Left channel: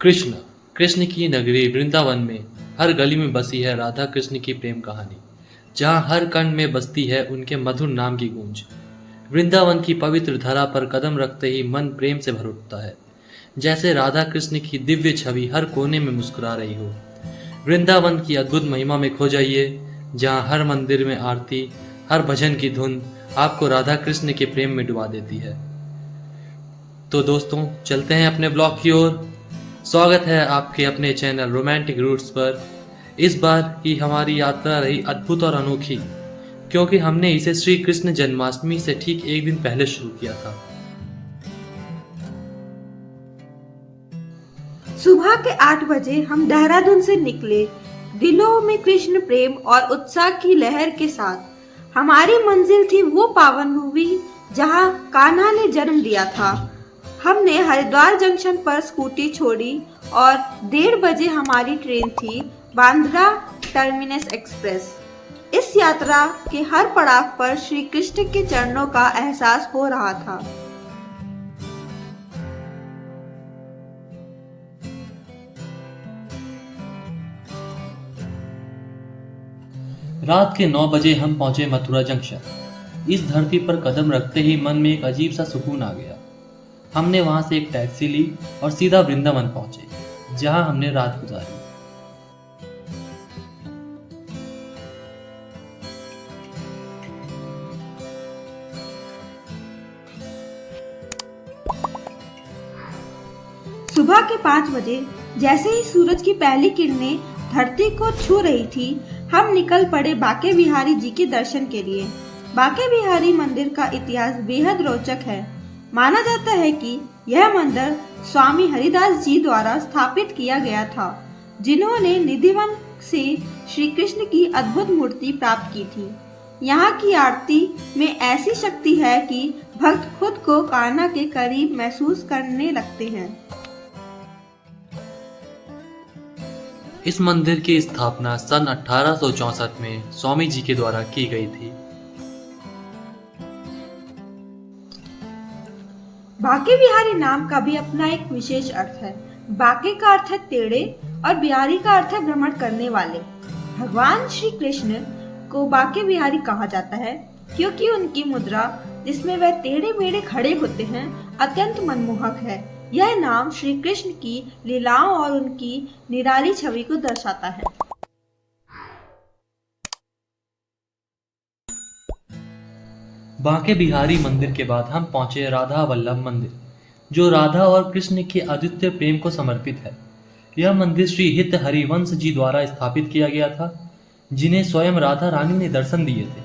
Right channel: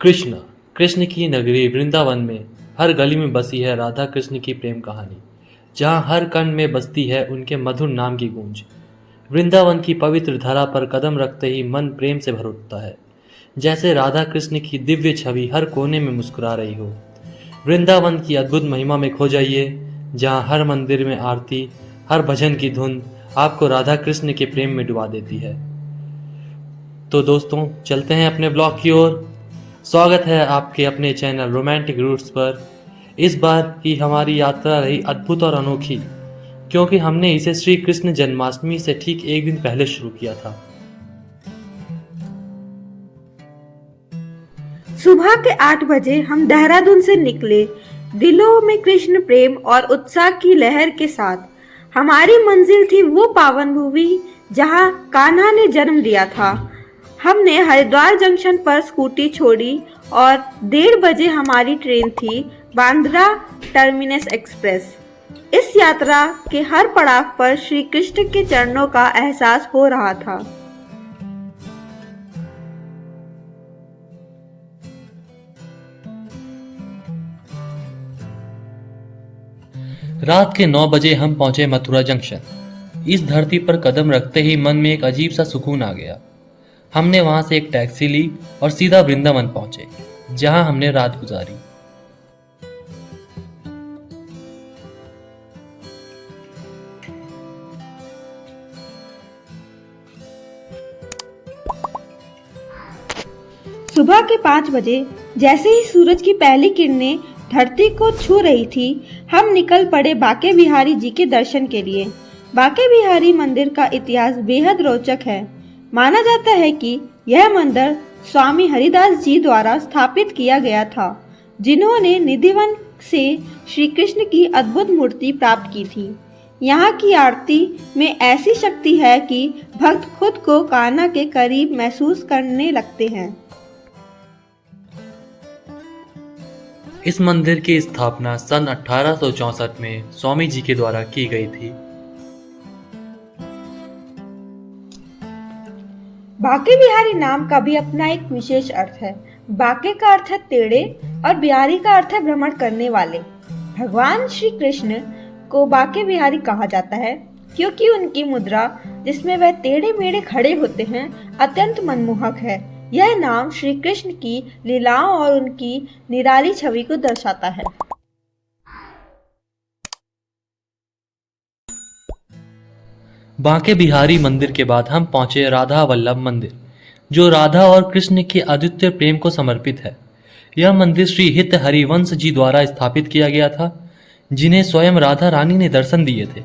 कृष्ण कृष्ण की नगरी वृंदावन में हर गली में बसी है राधा कृष्ण की प्रेम कहानी। जहाँ हर कण में बसती है उनके मधुर नाम की गूंज। वृंदावन की पवित्र धरा पर कदम रखते ही मन प्रेम से भर उठता है, जैसे राधा कृष्ण की दिव्य छवि हर कोने में मुस्कुरा रही हो। वृंदावन की अद्भुत महिमा में खो जाइए, जहाँ हर मंदिर में आरती, हर भजन की धुन आपको राधा कृष्ण के प्रेम में डुबा देती है। तो दोस्तों, चलते हैं अपने ब्लॉग की ओर। स्वागत है आपके अपने चैनल रोमांटिक रूट्स पर। इस बार की हमारी यात्रा रही अद्भुत और अनोखी, क्योंकि हमने इसे श्री कृष्ण जन्माष्टमी से ठीक एक दिन पहले शुरू किया था। सुबह के 8 बजे हम देहरादून से निकले, दिलों में कृष्ण प्रेम और उत्साह की लहर के साथ। हमारी मंजिल थी वो पावन भूमि जहां कान्हा ने जन्म लिया था। हमने हरिद्वार जंक्शन पर स्कूटी छोड़ी और 1:30 बजे हमारी ट्रेन थी बांद्रा टर्मिनस एक्सप्रेस। इस यात्रा के हर पड़ाव पर श्री कृष्ण के चरणों का एहसास हो रहा था। रात के 9 बजे हम पहुंचे मथुरा जंक्शन। इस धरती पर कदम रखते ही मन में एक अजीब सा सुकून आ गया। हमने वहां से एक टैक्सी ली और सीधा वृंदावन पहुंचे, जहां हमने रात गुजारी। सुबह के 5 बजे जैसे ही सूरज की पहली किरणें धरती को छू रही थी, हम निकल पड़े बांके बिहारी जी के दर्शन के लिए। बांके बिहारी मंदिर का इतिहास बेहद रोचक है। माना जाता है कि यह मंदिर स्वामी हरिदास जी द्वारा स्थापित किया गया था, जिन्होंने निधिवन से श्री कृष्ण की अद्भुत मूर्ति प्राप्त की थी। यहाँ की आरती में ऐसी शक्ति है कि भक्त खुद को कान्हा के करीब महसूस करने लगते हैं। इस मंदिर की स्थापना सन 1864 में स्वामी जी के द्वारा की गई थी। बांके बिहारी नाम का भी अपना एक विशेष अर्थ है। बांके का अर्थ है टेढ़े और बिहारी का अर्थ है भ्रमण करने वाले। भगवान श्री कृष्ण को बांके बिहारी कहा जाता है क्योंकि उनकी मुद्रा, जिसमें वह टेढ़े मेढ़े खड़े होते हैं, अत्यंत मनमोहक है। यह नाम श्री कृष्ण की लीलाओं और उनकी निराली छवि को दर्शाता है। बांके बिहारी मंदिर के बाद हम पहुंचे राधा वल्लभ मंदिर, जो राधा और कृष्ण के अद्वितीय प्रेम को समर्पित है। यह मंदिर श्री हित हरिवंश जी द्वारा स्थापित किया गया था, जिन्हें स्वयं राधा रानी ने दर्शन दिए थे।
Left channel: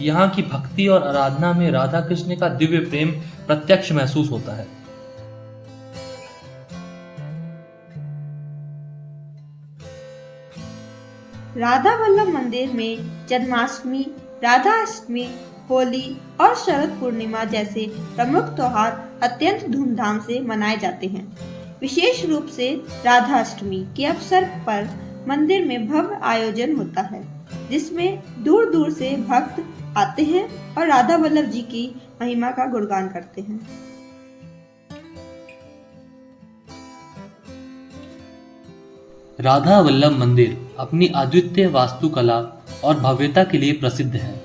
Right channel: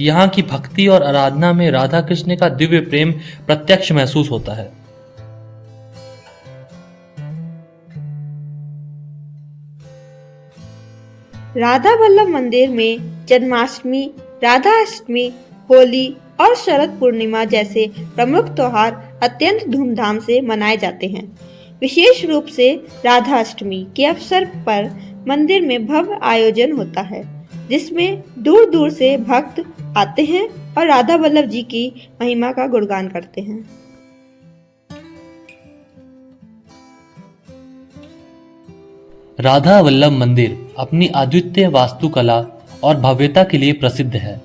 यहाँ की भक्ति और आराधना में राधा कृष्ण का दिव्य प्रेम प्रत्यक्ष महसूस होता है। राधा वल्लभ मंदिर में जन्माष्टमी, राधा अष्टमी, होली और शरद पूर्णिमा जैसे प्रमुख त्योहार अत्यंत धूमधाम से मनाए जाते हैं। विशेष रूप से राधा अष्टमी के अवसर पर मंदिर में भव्य आयोजन होता है, जिसमें दूर दूर से भक्त आते हैं और राधा वल्लभ जी की महिमा का गुणगान करते हैं। राधा वल्लभ मंदिर अपनी अद्वितीय वास्तुकला और भव्यता के लिए प्रसिद्ध है।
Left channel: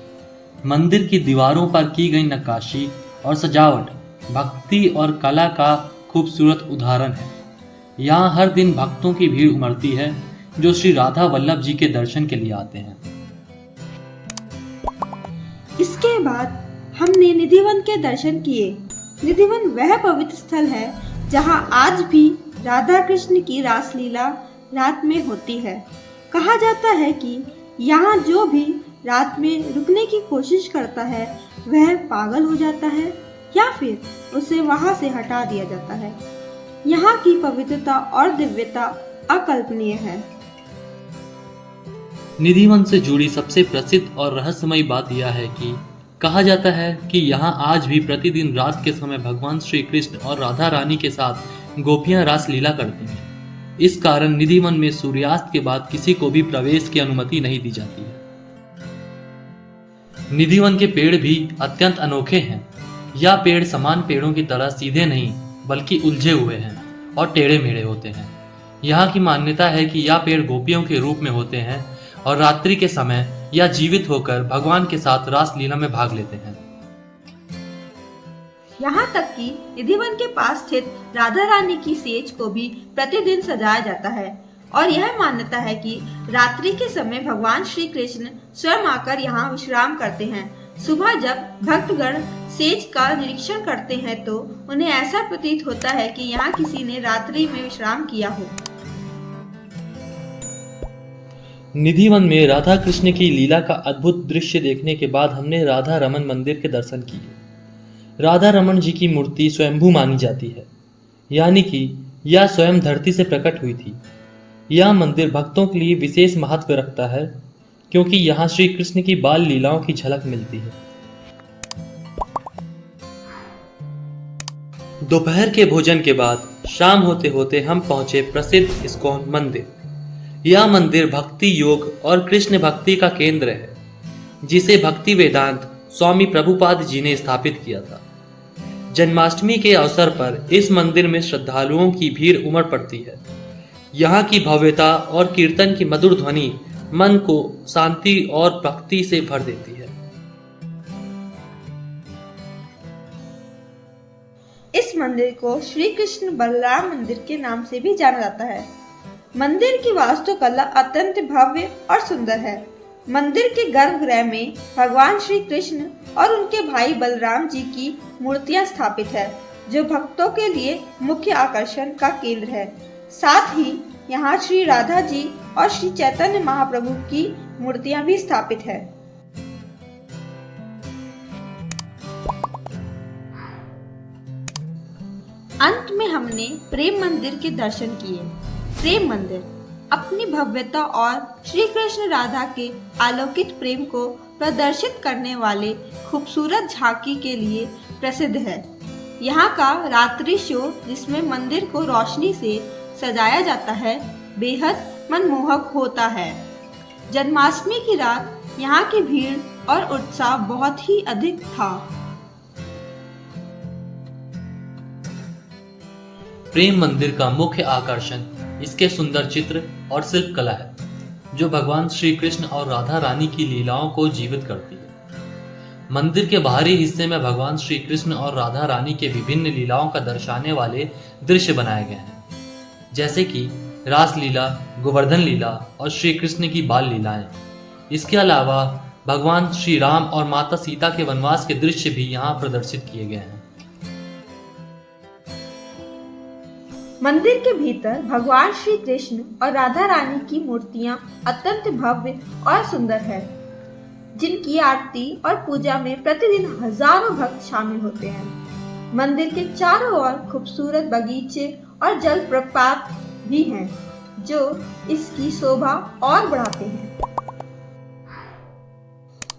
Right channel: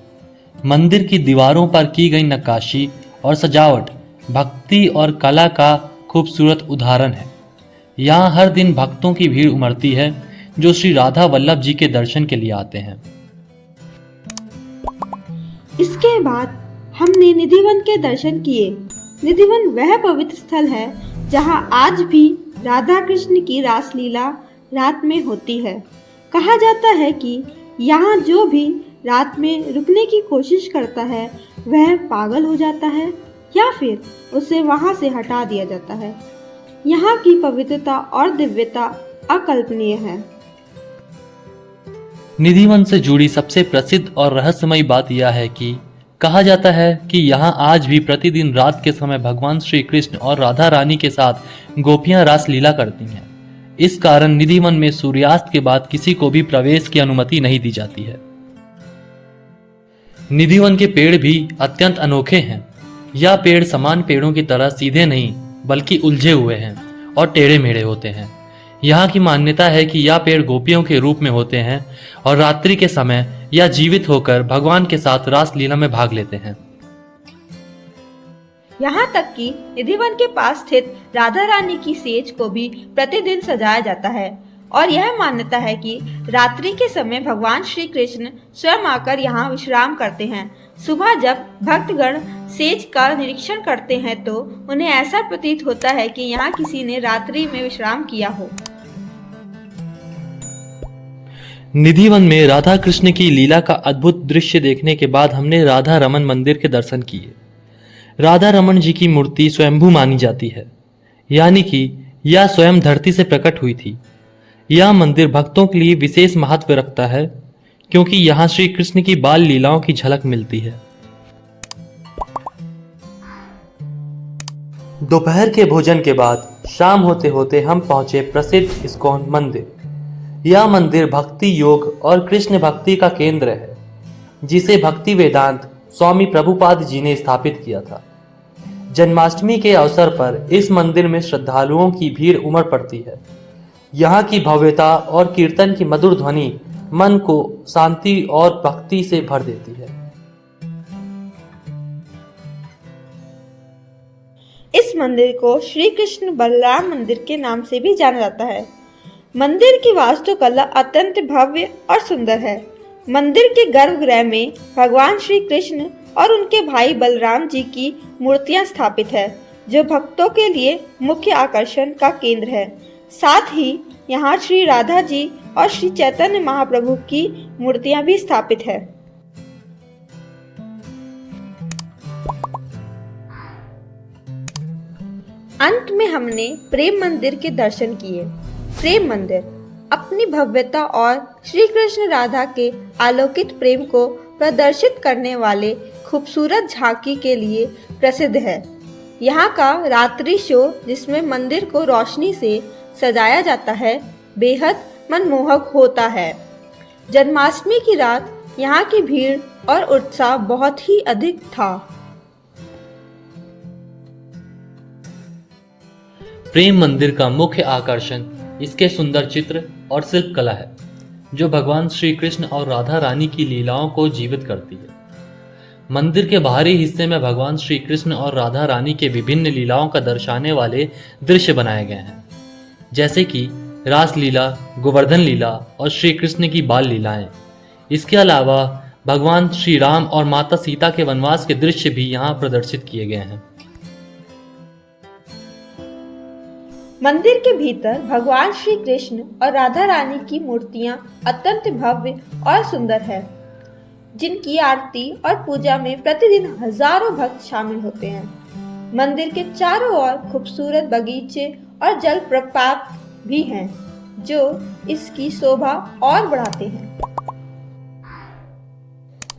मंदिर की दीवारों पर की गई नक्काशी और सजावट भक्ति और कला का खूबसूरत उदाहरण है। यहाँ हर दिन भक्तों की भीड़ उमड़ती है, जो श्री राधा वल्लभ जी के दर्शन के लिए आते हैं। इसके बाद हमने निधिवन के दर्शन किए। निधिवन वह पवित्र स्थल है जहाँ आज भी राधा कृष्ण की रासलीला रात में होती है। कहा जाता है कि यहाँ जो भी रात में रुकने की कोशिश करता है, वह पागल हो जाता है या फिर उसे वहाँ से हटा दिया जाता है। यहाँ की पवित्रता और दिव्यता अकल्पनीय है। निधिवन से जुड़ी सबसे प्रसिद्ध और रहस्यमयी बात यह है कि कहा जाता है कि यहाँ आज भी प्रतिदिन रात के समय भगवान श्री कृष्ण और राधा रानी के साथ गोपियां रास लीला करती हैं। इस कारण निधिवन में सूर्यास्त के बाद किसी को भी प्रवेश की अनुमति नहीं दी जाती है। निधिवन के पेड़ भी अत्यंत अनोखे हैं। यह पेड़ समान पेड़ों की तरह सीधे नहीं, बल्कि उलझे हुए हैं और टेढ़े मेढ़े होते हैं। यहाँ की मान्यता है कि यह पेड़ गोपियों के रूप में होते हैं और रात्रि के समय यह जीवित होकर भगवान के साथ रास लीला में भाग लेते हैं। यहाँ तक कि निधिवन के पास स्थित राधा रानी की सेज को भी प्रतिदिन सजाया जाता है और यह मान्यता है कि रात्रि के समय भगवान श्री कृष्ण स्वयं आकर यहाँ विश्राम करते हैं। सुबह जब भक्तगण सेज का निरीक्षण करते हैं तो उन्हें ऐसा प्रतीत होता है कि यहाँ किसी ने रात्रि में विश्राम किया हो। निधिवन में राधा कृष्ण की लीला का अद्भुत दृश्य देखने के बाद हमने राधा रमन मंदिर के दर्शन किए। राधा रमन जी की मूर्ति स्वयंभू मानी जाती है, यानी कि यह स्वयं धरती से प्रकट हुई थी। यह मंदिर भक्तों के लिए विशेष महत्व रखता है क्योंकि यहाँ श्री कृष्ण की बाल लीलाओं की झलक मिलती है। दोपहर के भोजन के बाद शाम होते होते हम पहुंचे प्रसिद्ध इस्कॉन मंदिर। यह मंदिर भक्ति योग और कृष्ण भक्ति का केंद्र है, जिसे भक्ति वेदांत स्वामी प्रभुपाद जी ने स्थापित किया था। जन्माष्टमी के अवसर पर इस मंदिर में श्रद्धालुओं की भीड़ उमड़ पड़ती है। यहाँ की भव्यता और कीर्तन की मधुर ध्वनि मन को शांति और भक्ति से भर देती है। इस मंदिर को श्री कृष्ण बलराम मंदिर के नाम से भी जाना जाता है। मंदिर की वास्तुकला अत्यंत भव्य और सुंदर है। मंदिर के गर्भगृह में भगवान श्री कृष्ण और उनके भाई बलराम जी की मूर्तियां स्थापित है, जो भक्तों के लिए मुख्य आकर्षण का केंद्र है। साथ ही यहाँ श्री राधा जी और श्री चैतन्य महाप्रभु की मूर्तियां भी स्थापित है। अंत में हमने प्रेम मंदिर के दर्शन किए। प्रेम मंदिर अपनी भव्यता और श्री कृष्ण राधा के अलौकिक प्रेम को प्रदर्शित करने वाले खूबसूरत झांकी के लिए प्रसिद्ध है। यहाँ का रात्रि शो, जिसमें मंदिर को रोशनी से सजाया जाता है, बेहद मनमोहक होता है। जन्माष्टमी की रात यहाँ की भीड़ और उत्साह बहुत ही अधिक था। प्रेम मंदिर का मुख्य आकर्षण इसके सुंदर चित्र और शिल्प कला है, जो भगवान श्री कृष्ण और राधा रानी की लीलाओं को जीवित करती है। मंदिर के बाहरी हिस्से में भगवान श्री कृष्ण और राधा रानी के विभिन्न लीलाओं का दर्शाने वाले दृश्य बनाए गए हैं, जैसे कि रास लीला, गोवर्धन लीला और श्री कृष्ण की बाल लीलाएं। इसके अलावा भगवान श्री राम और माता सीता के वनवास के दृश्य भी यहाँ प्रदर्शित किए गए हैं। मंदिर के भीतर भगवान श्री कृष्ण और राधा रानी की मूर्तियां अत्यंत भव्य और सुंदर है, जिनकी आरती और पूजा में प्रतिदिन हजारों भक्त शामिल होते हैं। मंदिर के चारों ओर खूबसूरत बगीचे और जलप्रपात भी हैं, जो इसकी शोभा और बढ़ाते हैं।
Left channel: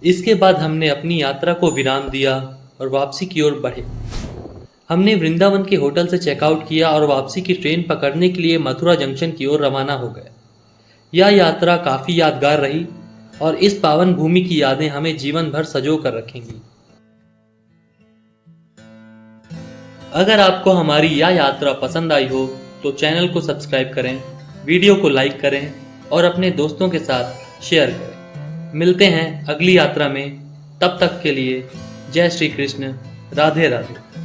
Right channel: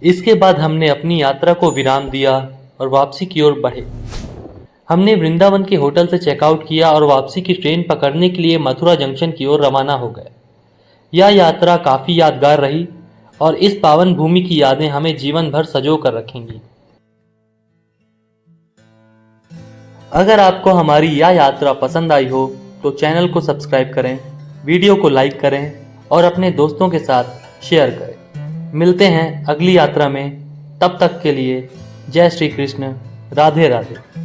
इसके बाद हमने अपनी यात्रा को विराम दिया और वापसी की ओर बढ़े। हमने वृंदावन के होटल से चेकआउट किया और वापसी की ट्रेन पकड़ने के लिए मथुरा जंक्शन की ओर रवाना हो गए। यह यात्रा काफ़ी यादगार रही और इस पावन भूमि की यादें हमें जीवन भर संजो कर रखेंगी। अगर आपको हमारी यह यात्रा पसंद आई हो तो चैनल को सब्सक्राइब करें, वीडियो को लाइक करें और अपने दोस्तों के साथ शेयर करें। मिलते हैं अगली यात्रा में, तब तक के लिए जय श्री कृष्ण, राधे राधे।